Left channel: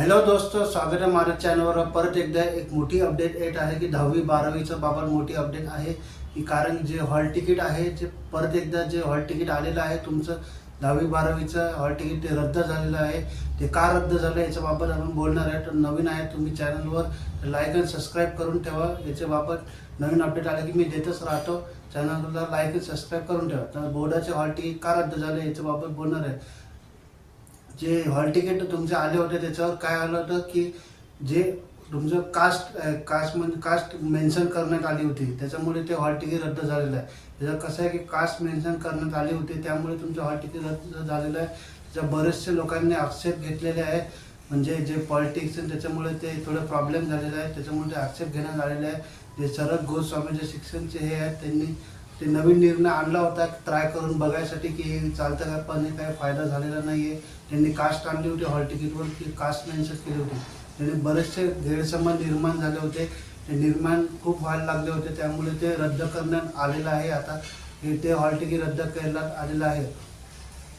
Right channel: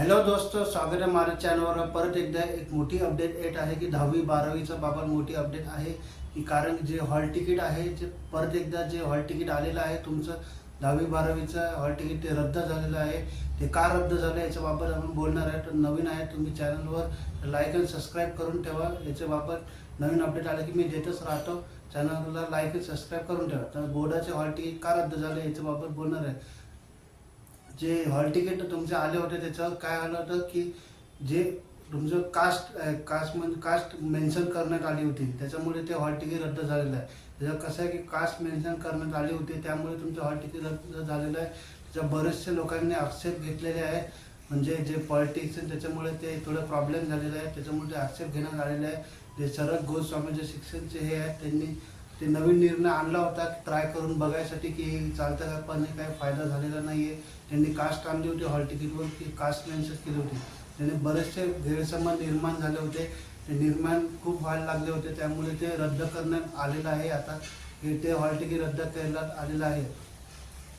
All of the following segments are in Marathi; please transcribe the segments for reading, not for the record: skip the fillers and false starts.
हॅलो दोस्तों, स्वागत आहे माझ्या चॅनलवर. परत एकदा एक मोठी अपडेट येत आहे की 10वी 12वीचा बाबत मोठी अपडेट आहे की कारण जे हॉल तिकीट आहे जे परत एकदा जे हॉल तिकीट आलेलं आहे तुमचं 10वी 12वीचं हॉल तिकीट ते रद्द झालेलं आहे. ते का रद्द झालं याच्या बाबत आपण बोलणार आहे. तर नवीन आहे तुम्ही चॅनलवर लाईक आणि सबस्क्राईब करून ठेवा. याच्या बाबत नवीन अपडेट आले की मी देतच राहतो. चॅनलला लाईक आणि सबस्क्राईब करून ठेवा. तर बोर्डाचे हॉल तिकीट का रद्द झाले याच्या बाबत बोलणार आहे. जे हॉल तिकीट तुमचे आले होते त्याच्यावर काय आलं होतं की जे तुमचं कास्ट मेन्शन करण्यात आली होती त्याच्यामुळे ते हॉल तिकीट रद्द झालेलं आहे. त्याचं कसं आहे की कास्ट मेन्शन करण्यात आली होती त्यामुळे तुमचं हॉल तिकीट रद्द झालेलं आहे. त्याच्या बरेचसे लोकांनी आक्षेप घेतलेले आहेत. म्हणजे जे पॉलिटिक्स आहे त्याच्यामुळे ते थोडं प्रॉब्लेम झालेला आहे. त्याच्यामुळे ते आक्षेप घेण्यात आलेले आहे. जे शरद गोस्वामी जे शिक्षणचे हे आहेत त्यांनी ते नवीन निर्णय आणला होता ट्राय करून बघायसाठी की चालतं का, पण काय फायदा झालेला नाही आहे. त्यांनी कास्ट आणली होती हॉल तिकीटवर की कास्ट मेन्शन केली होती. त्यांनी बरेचसे गैरसमज निर्माण झाले होते. निर्माण खूप व्हायला लागले होते त्यामुळे ते रद्द करण्यात आलेलं आहे. आता ते हॉल तिकीट रद्द करण्यात आलेलं आहे.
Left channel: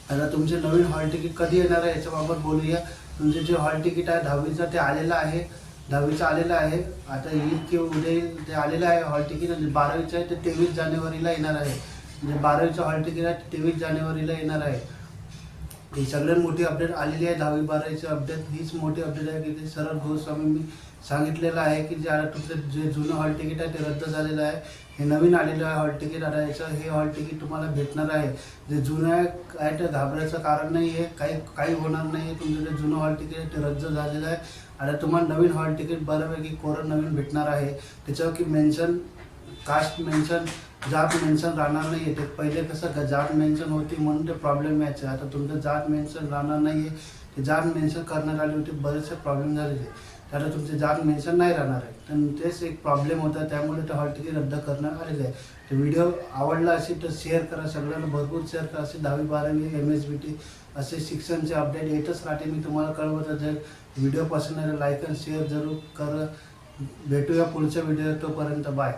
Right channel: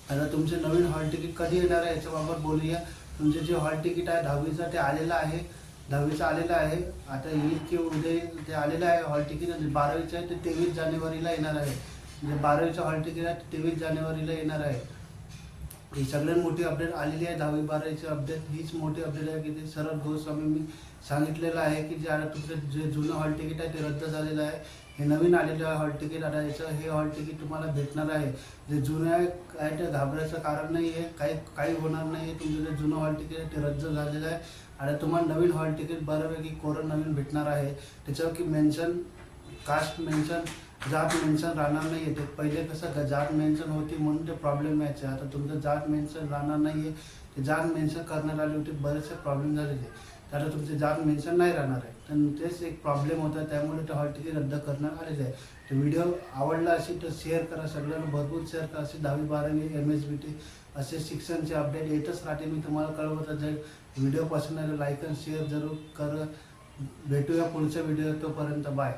आता तुमचे नवीन हॉल तिकीट कधी येणार आहे याच्याबाबत बोलूया. तुमचे जे हॉल तिकीट आहे 10वीचं ते आलेलं आहे. 10वीचं आलेलं आहे. आता येईल की उद्या ते आलेलं आहे हॉल तिकीट. आणि 12वीचं आहे ते 23 जानेवारीला येणार आहे. म्हणजे 12वीचं हॉल तिकीट आहे ते 23 जानेवारीला येणार आहे. ही सगळ्यात मोठी अपडेट आलेली आहे. 10वी 12वीची अपडेट हीच मोठी अपडेट आहे की ते शरद गोस्वामींनी सांगितलेलं आहे की जे आता तुमचं जे जुनं हॉल तिकीट आहे ते रद्द झालेलं आहे. हे नवीन आलेलं आहे हॉल तिकीट. आता याचं हे हॉल तिकीट तुम्हाला भेटणार आहे. जे जुनं आहे ते घाबरायचं कारण नाही आहे. काही होणार नाही आहे. तुमचं जे जुनं हॉल तिकीट आहे ते रद्द झालेलं आहे. आता तुम्हाला नवीन हॉल तिकीट बऱ्यापैकी कोरं नवीन भेटणार आहे. त्याच्यावर की मेन्शन कास्ट मेन्शन जात मेन्शन राहणार नाही आहे. ते पहिले कसं जात मेन्शन होती म्हणून ते प्रॉब्लेम यायचे. आता तुमचं जात मेन्शन राहणार नाही आहे. ते जात मेन्शन करण्यात आली होती बरेचसे प्रॉब्लेम झालेले. आता तुमचे जात मेन्शन नाही राहणार आहे. तर तेच एक प्रॉब्लेम होता त्यामुळे ते हॉल तिकीट रद्द करण्यात आलेले आहे. तो व्हिडिओ आवडला असेल तर शेअर करा. सगळ्यांना भरपूर शेअर करा. असे 10वी 12वी MSBT असे शिक्षणचे अपडेट येतच राहते. मी तुम्हाला कळवत जाईल. व्हिडिओ पसंत आले लाईक आणि शेअर जरूर करा. भेटूया पुढच्या व्हिडिओ. तोपर्यंत बाय.